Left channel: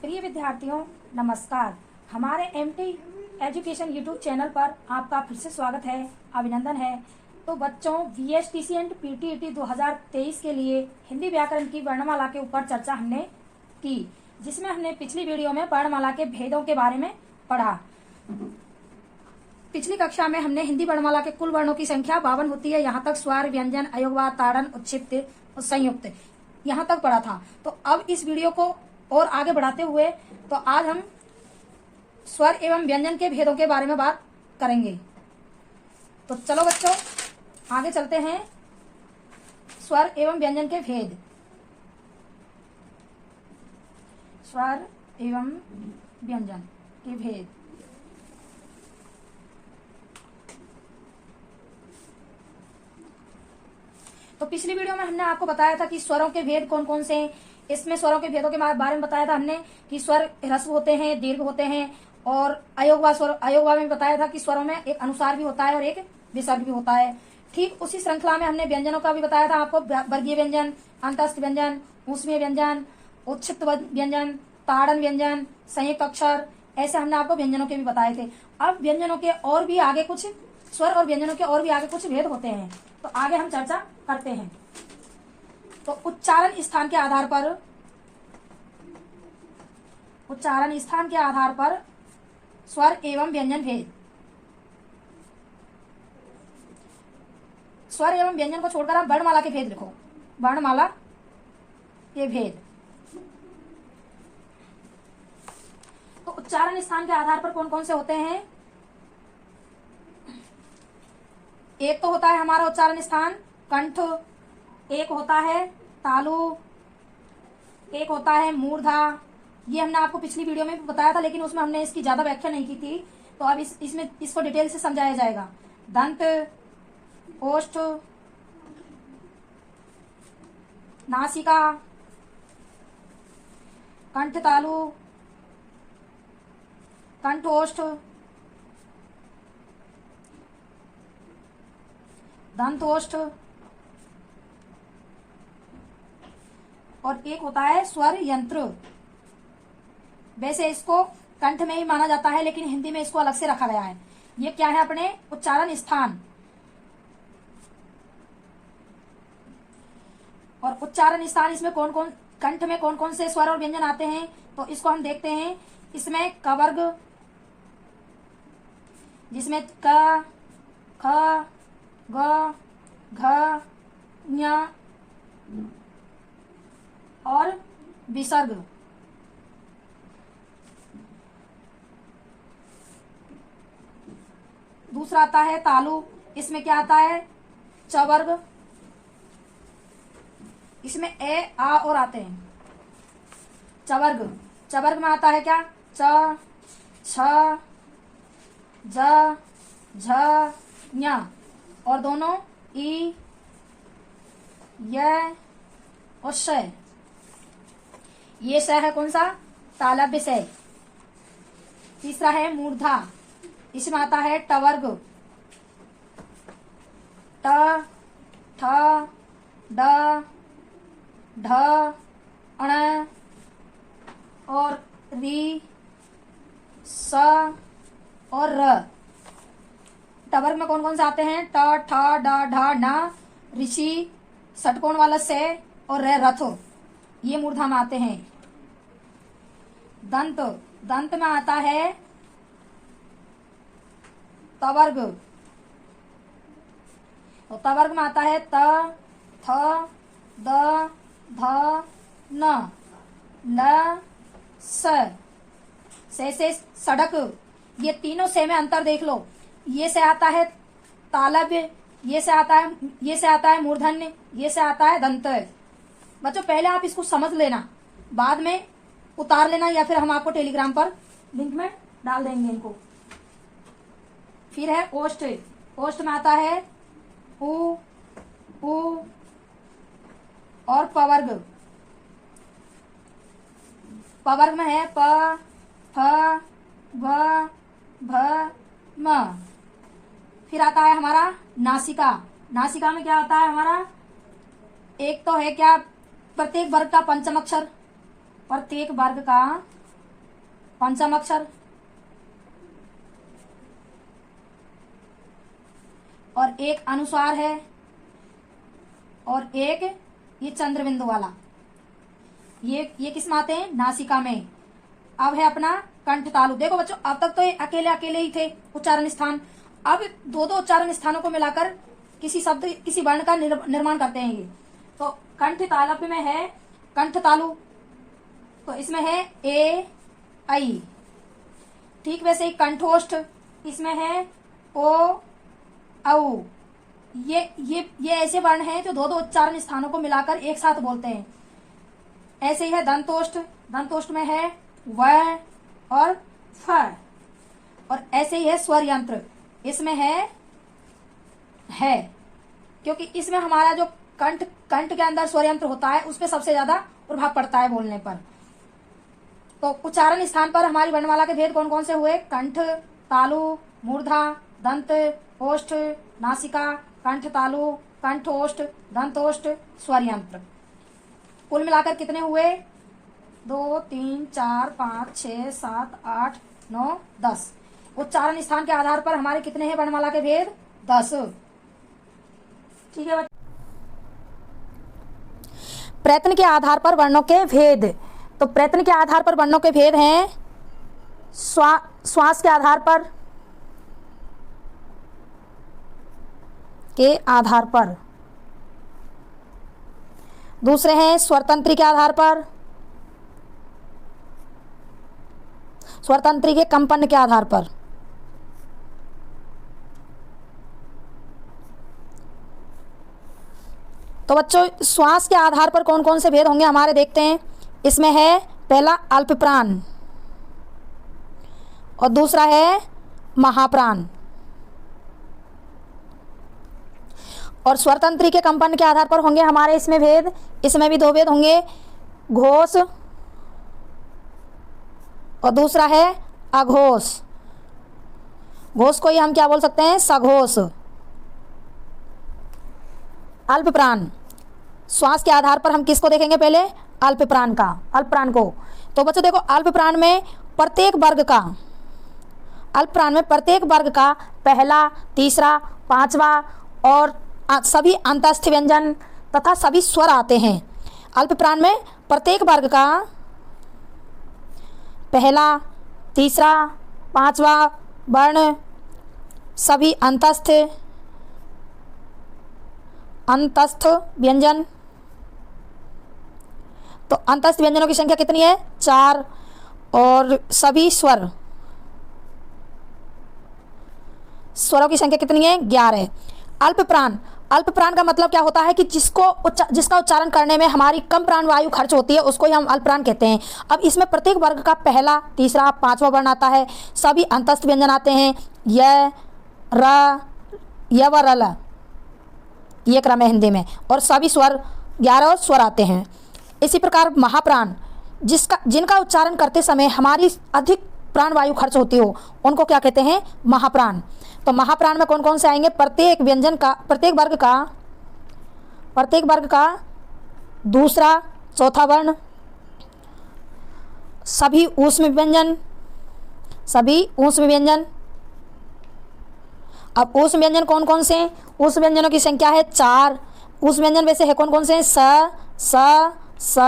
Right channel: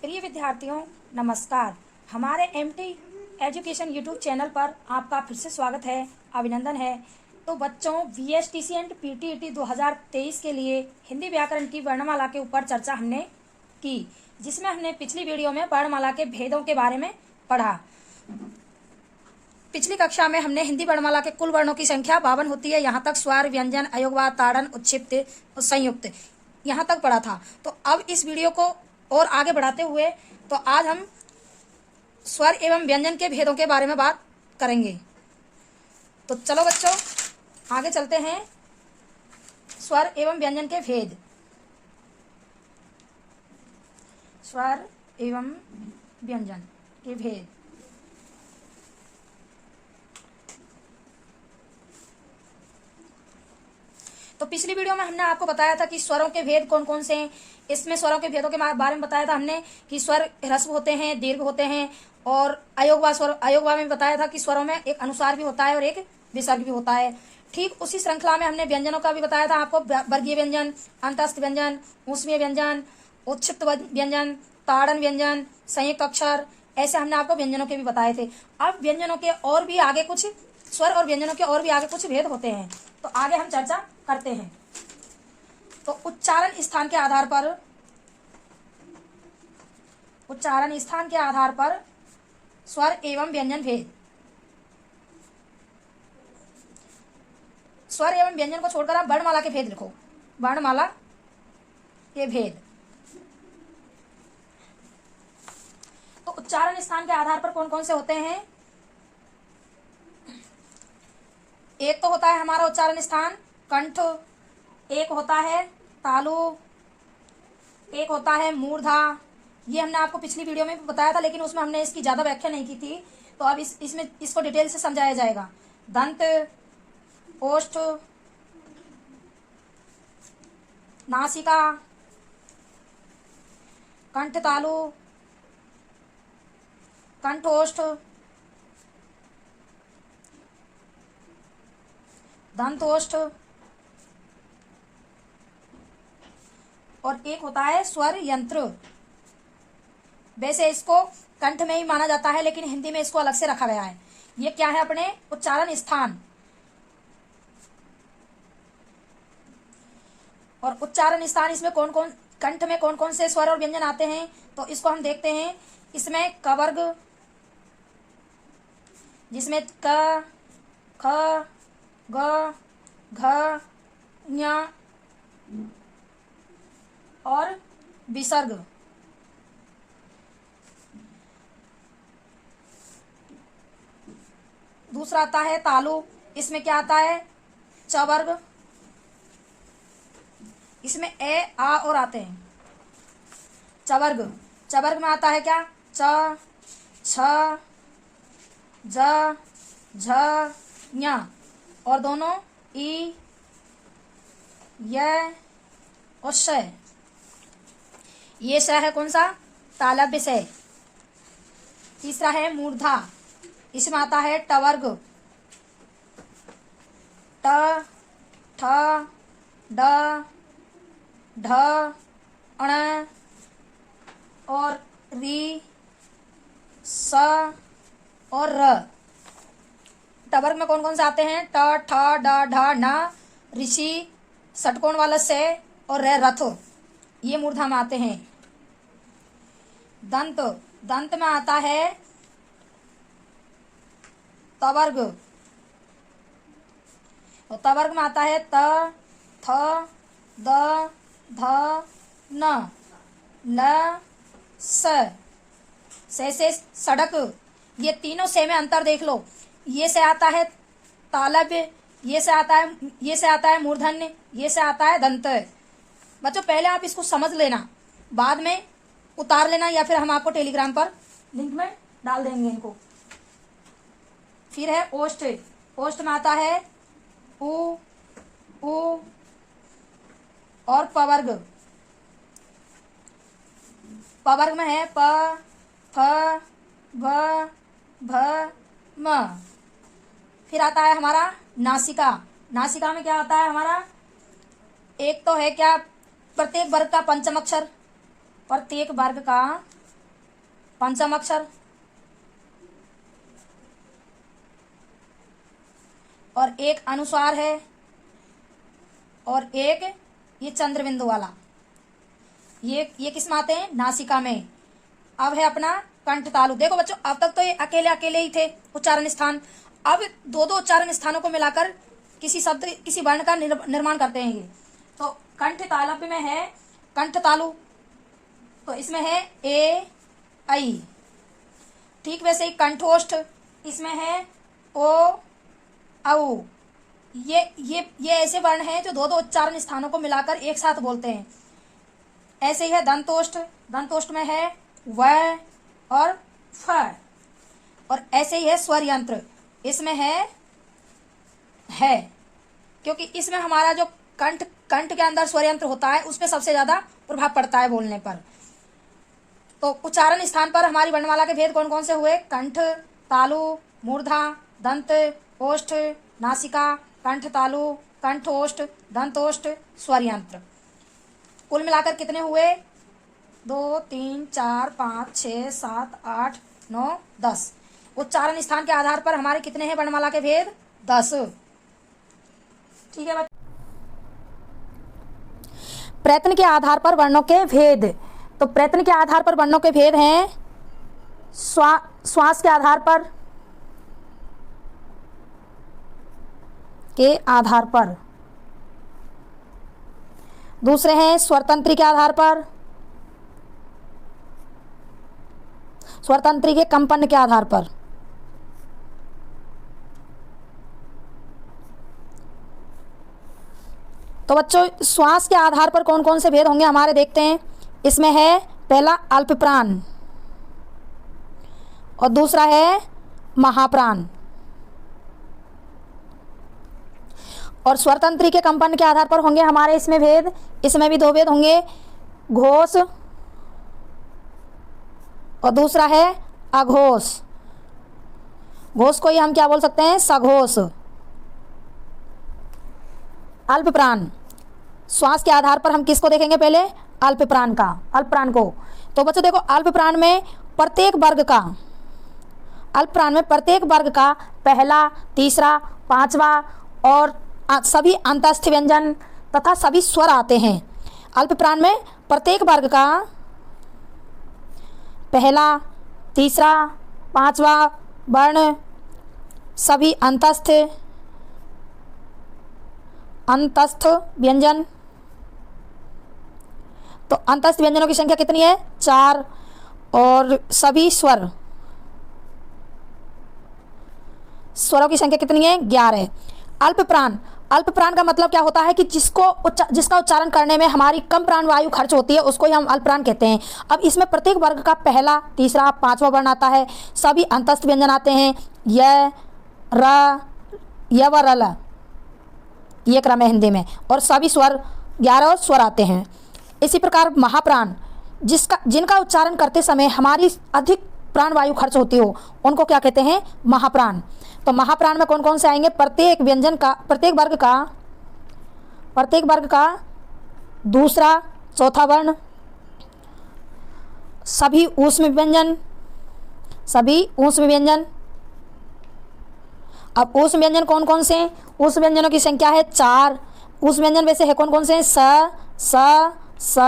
प्रिय विद्यार्थियों, नमस्कार। हमारे एमटी एजुकेशन यूट्यूब चैनल पर आपका फिर से स्वागत है, अभिनंदन है। तो बच्चों, वीएसटीसी एंड पीटीईटी 2023 के लिए हिंदी व्याकरण की वर्णमाला के ऊपर चर्चा हमने की, जिसमें हमने पिछली वीडियो में वर्णमाला के भेदों के बारे में पढ़ा। पिछली कक्षा में हमने हिंदी वर्णमाला के कुल वर्णों की संख्या 52 होती है। यहाँ तक स्वर, व्यंजन, अयोगवाद, ताड़न, उत्क्षिप्त और संयुक्त यहाँ तक पढ़ा था। तो अब इस वीडियो को और आगे बढ़ाते हुए तो आज हम स्वर एवं व्यंजन के भेदों के बारे में बात करेंगे। तो चलो बच्चों, आगे चलते हैं। स्वर एवं व्यंजन के भेद। स्वर एवं व्यंजन के भेद। तो पिछली वीडियो में हमने आपको बताया था कि स्वरों के भेद कौन कौन से हैं। इसमें स्वरों के भेदों के बारे में बताया था हमने कि स्वर ह्रस्व होते हैं, दीर्घ होते हैं, और अयोगवा में बताया था कि स्वरों में एक अनुस्वार भी होता है और एक विसर्ग भी होता है। ठीक उसी श्रृंखला में हमने व्यंजनों का भी बताया था आपको। वर्गीय व्यंजन, अंतस्थ व्यंजन, ऊष्मीय व्यंजन, उत्क्षिप्त व्यंजन, ताड़न व्यंजन, संयुक्त अक्षर, ऐसे हमने आपको व्यंजनों के भी बताए थे। अब व्यंजनों के और भी आगे कुछ स्वर और व्यंजनों के और भी आगे कुछ भेद होते हैं, तो आगे हम चर्चा करते हैं। तो उच्चारण स्थान के आधार पर स्वर एवं व्यंजन भेद। स्वर एवं व्यंजन को छोड़कर आप वर्णमाला के भेद लिखो। वर्णमाला के भेद। तो उच्चारण स्थान के आधार पर कौन कौन से होते हैं? एक तो होता है हमारा उच्चारण स्थान कंठ, एक होता है तालु, एक होता है मूर्धा। ये हमने आपको पिछली वीडियो में भी बताया था, लेकिन उसमें हमने इसकी ज्यादा व्याख्या नहीं की थी। तो अब इसमें इसको डिटेल से समझाया जाएगा। दंत, ओष्ठ, नासिका, कंठ तालु, कंठ ओष्ठ, दंत ओष्ठ, और एक होता है स्वर यंत्र। वैसे इसको कंठ में ही माना जाता है, लेकिन हिंदी में इसको अलग से रखा गया है। ये क्या है? अपने उच्चारण स्थान। और उच्चारण स्थान इसमें कौन कौन, कंठ में कौन कौन से स्वर और व्यंजन आते हैं, तो इसको हम देखते हैं। इसमें क वर्ग, जिसमें क, ख, ग, घ, ञ और विसर्ग। दूसरा आता है तालु। इसमें क्या आता है? च वर्ग। इसमें ए, आ और आते हैं। च वर्ग। च वर्ग में आता है क्या? च, छ, ज, झ, ञ, और दोनों ई, य और श। ये श है कौन सा? तालव्य से। तीसरा है मूर्धा। इसमें आता है ट वर्ग। ट, ठ, ड, ढ, अण और री, स और र। ट वर्ग में कौन कौन से आते हैं? ट, ठ, ड, ढ, न, ऋषि, षटकोण वाला से और रथ। ये मूर्धा में आते हैं। दंत। दंत में आता है त वर्ग। तो त वर्ग में आता है त, थ, द, ध, न, ल, स। से सड़क। ये तीनों से में अंतर देख लो। ये से आता है तालव्य, ये से आता है मूर्धन्य, ये से आता है दंत। बच्चों, पहले आप इसको समझ लेना, बाद में उतार लेना, या फिर हम आपको टेलीग्राम पर लिंक में डाल देंगे इनको। फिर है ओष्ठ। ओष्ठ में आता है उ, और पवर्ग। पवर्ग में है प, फ, भ, भ, म। फिर आता है हमारा नासिका। नासिका में क्या आता है हमारा? एक तो है क्या? प्रत्येक वर्ग का पंचम अक्षर, प्रत्येक वर्ग का पंचम अक्षर और एक अनुस्वार है और एक ये चंद्र बिंदु वाला, ये किस में आते हैं? नासिका में। अब है अपना कंठ तालु। देखो बच्चों, अब तक तो ये अकेले अकेले ही थे उच्चारण स्थान, अब दो दो उच्चारण स्थानों को मिलाकर किसी शब्द किसी वर्ण का निर्माण करते हैं ये। तो कंठ तालव्य में है कंठ तालु, तो इसमें है ए आई। ठीक वैसे ही कंठोष्ठ, इसमें है ओ औ। ये ऐसे वर्ण हैं जो दो दो उच्चारण स्थानों को मिलाकर एक साथ बोलते हैं। ऐसे ही है दंतोष्ठ, दंतोष्ठ में है व और फ। और ऐसे ही है स्वर यंत्र, इसमें है क्योंकि इसमें हमारा जो कंठ के अंदर स्वर यंत्र होता है उस पर सबसे ज्यादा प्रभाव पड़ता है बोलने पर। तो उच्चारण स्थान पर हमारी वर्णमाला के भेद कौन कौन से हुए? कंठ, तालु, मूर्धा, दंत, ओष्ठ, नासिका, कंठ तालु, कंठोष्ठ, दंतोष्ठ, स्वर यंत्र। कुल मिलाकर कितने हुए? 2 3 4 5 6 7 8 9 10। उच्चारण स्थान के आधार पर हमारे कितने हैं वर्णमाला के भेद? 10। ठीक है बच्चों। प्रयत्न के आधार पर वर्णों के भेद, तो प्रयत्न के आधार पर वर्णों के भेद हैं श्वास के आधार पर, दूसरे हैं स्वरतंत्री के आधार पर, स्वरतंत्री के कंपन के आधार पर। तो बच्चों श्वास के आधार पर कौन कौन से भेद होंगे हमारे, देखते हैं। इसमें है पहला अल्प प्राण और दूसरा है महाप्राण। और स्वरतंत्री के कंपन के आधार पर होंगे हमारे इसमें भेद, इसमें भी 2 भेद होंगे, घोष और दूसरा है अघोष। घोष को ही हम क्या बोल सकते हैं? सघोष। अल्प प्राण, श्वास के आधार पर हम किसको देखेंगे? पहले अल्प प्राण को। तो बच्चों देखो, अल्प प्राण में प्रत्येक वर्ग का पहला, तीसरा, पांचवा और सभी अंतस्थ व्यंजन तथा सभी स्वर आते हैं। अल्प प्राण में प्रत्येक वर्ग का पहला, तीसरा, पांचवा वर्ण, सभी अंतस्थ व्यंजन। तो अंतस्थ व्यंजनों की संख्या कितनी है? 4। और सभी स्वरों की संख्या कितनी है? 11। अल्प प्राण का मतलब क्या होता है कि जिसका उच्चारण करने में हमारी कम प्राण वायु खर्च होती है उसको ही हम अल्प प्राण कहते हैं। अब इसमें प्रत्येक वर्ग का पहला, तीसरा, पांचवा वर्ण आता है, सभी अंतस्थ व्यंजन आते हैं, य, र, य व रल, ये क्रम है हिंदी में, और सभी स्वर 11 स्वर आते हैं। इसी प्रकार महाप्राण, जिनका उच्चारण करते समय हमारी अधिक प्राण वायु खर्च होती हो उनको क्या कहते हैं? महाप्राण। तो महाप्राण में कौन कौन से आएंगे? प्रत्येक वर्ग का दूसरा, चौथा वर्ण, सभी ऊष्म व्यंजन। अब ऊष्म व्यंजन कौन कौन से हैं? ऊष्म व्यंजनों की संख्या है 4। ऊष्म व्यंजन वैसे है कौन कौन से हैं? स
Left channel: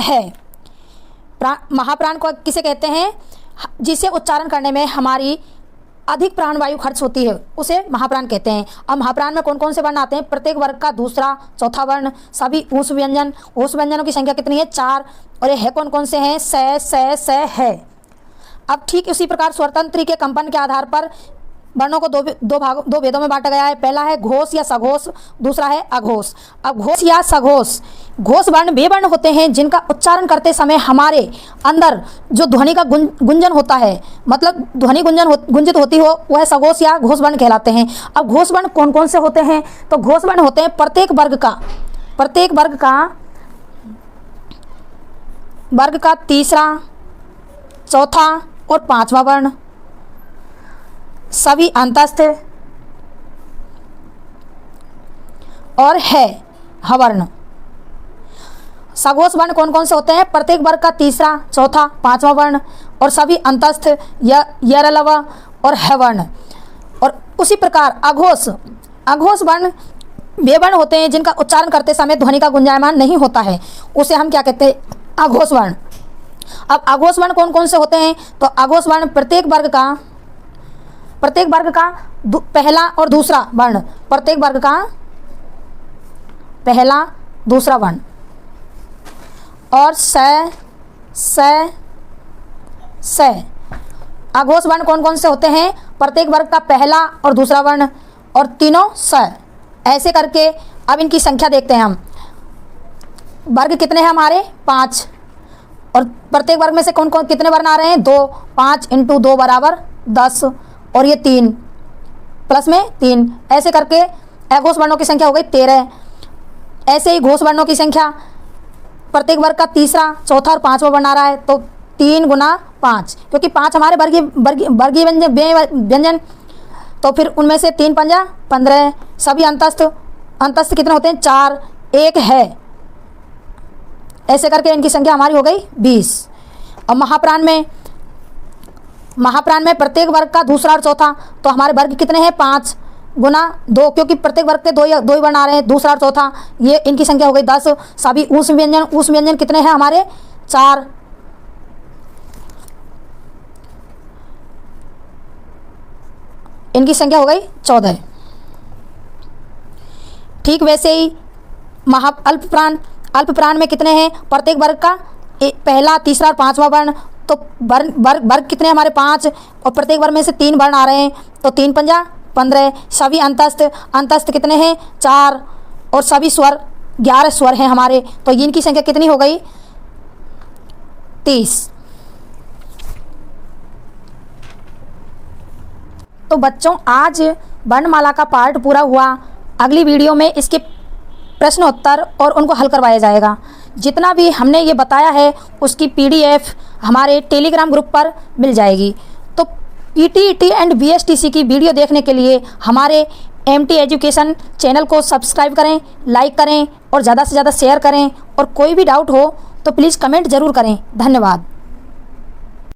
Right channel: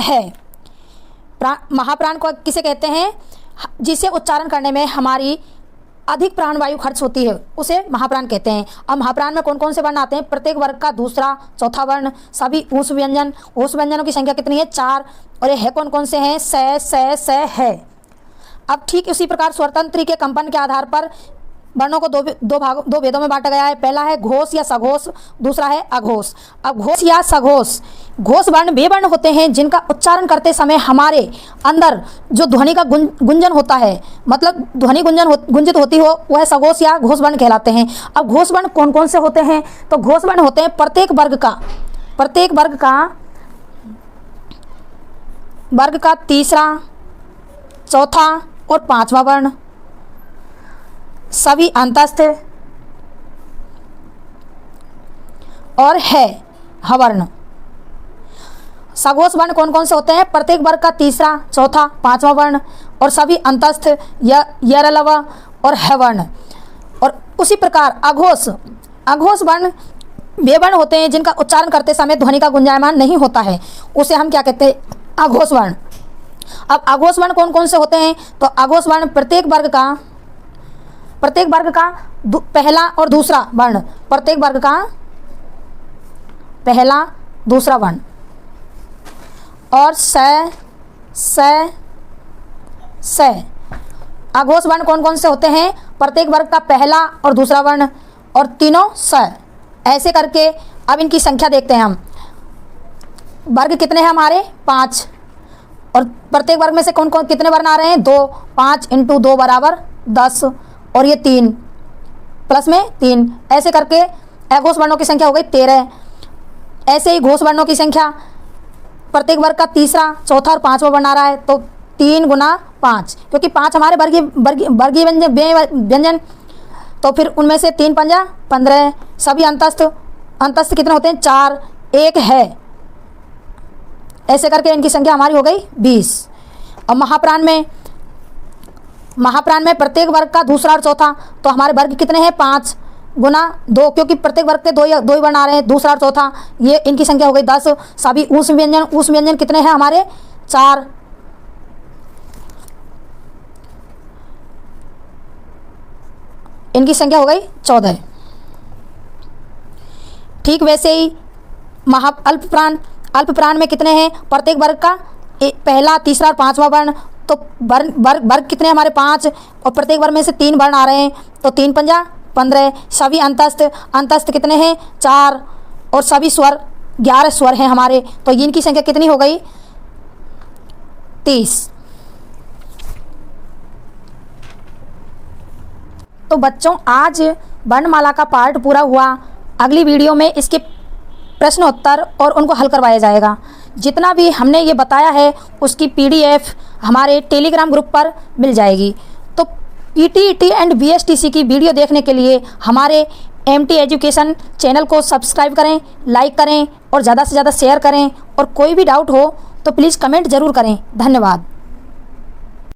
है। महाप्राण को किसे कहते हैं? जिसे उच्चारण करने में हमारी अधिक प्राण वायु खर्च होती है उसे महाप्राण कहते हैं। अब महाप्राण में कौन कौन से वर्ण आते हैं? प्रत्येक वर्ग का दूसरा, चौथा वर्ण, सभी ऊष्म व्यंजनों की संख्या कितनी है? 4। और ये है कौन कौन से हैं? स है। अब ठीक उसी प्रकार स्वरतंत्री के कंपन के आधार पर वर्णों को दो भेदों में बांटा गया है। पहला है घोष या सघोष, दूसरा है अघोष। अब घोष या सघोष, घोष वर्ण वे वर्ण होते हैं जिनका उच्चारण करते समय हमारे अंदर जो ध्वनि का गुंजन होता है, मतलब ध्वनि गुंजित होती हो, वह सघोष या घोष वर्ण कहलाते हैं। अब घोष वर्ण कौन कौन से होते हैं? तो घोष वर्ण होते हैं प्रत्येक वर्ग का तीसरा, चौथा और पांचवा वर्ण, सभी अंतस्थ और है हवर्ण। सघोष वर्ण कौन कौन से होते हैं? प्रत्येक वर्ग का तीसरा, चौथा, पांचवा वर्ण और सभी अंतस्थ यरलव और हैवर्ण। और उसी प्रकार अघोष वर्ण वे वर्ण होते हैं जिनका उच्चारण करते समय ध्वनि का गुंजायमान नहीं होता है, उसे हम क्या कहते हैं, अघोष वर्ण। अब अघोष वर्ण कौन कौन से होते हैं, तो अघोष वर्ण प्रत्येक वर्ग का पहला और दूसरा वर्ण, प्रत्येक वर्ग का पहला दूसरा वर्ण। और स अघोष वर्ण कौन कौन से होते हैं, प्रत्येक वर्ग का पहला और दूसरा वर्ण और तीनों स। ऐसे करके अब इनकी संख्या देखते हैं हम। वर्ग कितने हैं हमारे, 5, और प्रत्येक वर्ग में से कौन कौन कितने वर्ण आ रहे हैं, 2, 5 × 2 = 10, और ये 3 प्लस में 3। ऐसे करके अघोष वर्णों की संख्या हो गई 13। ऐसे ही घोष वर्णों की संख्या, प्रत्येक वर्ग का तीसरा, चौथा और पांचवा वर्ण आ रहा है, तो 3 × 5, क्योंकि 5 हमारे वर्गीय व्यंजन, तो फिर उनमें से 3 × 5 = 15। सभी अंतस्थ कितने होते हैं, 4, 1 है। ऐसे करके इनकी संख्या हमारी हो गई 20। और महाप्राण में प्रत्येक वर्ग का दूसरा और चौथा, तो हमारे वर्ग कितने हैं, 5 × 2, क्योंकि प्रत्येक वर्ग के दो ही वर्ण आ रहे हैं, दूसरा और चौथा, ये इनकी संख्या हो गई 10। सभी ऊष्म व्यंजन कितने हैं हमारे, 4। इनकी संख्या हो गई 14। ठीक वैसे ही अल्पप्राण में कितने हैं, प्रत्येक वर्ग का पहला, तीसरा और पांचवा वर्ण, तो वर्ग कितने हमारे, 5, और प्रत्येक वर्ग में से 3 वर्ण आ रहे हैं, तो 3 × 5 = 15। सभी अंतस्थ कितने हैं, 4, और सभी स्वर 11 स्वर हैं हमारे, तो इनकी संख्या कितनी हो गई, 30। तो बच्चों आज वर्णमाला का पार्ट पूरा हुआ। अगली वीडियो में इसके प्रश्नोत्तर और उनको हल करवाया जाएगा। जितना भी हमने ये बताया है उसकी PDF हमारे टेलीग्राम ग्रुप पर मिल जाएगी। तो PTET एंड BSTC की वीडियो देखने के लिए हमारे MT एजुकेशन चैनल को सब्सक्राइब करें, लाइक करें और ज़्यादा से ज़्यादा शेयर करें। और कोई भी डाउट हो तो प्लीज़ कमेंट ज़रूर करें। धन्यवाद।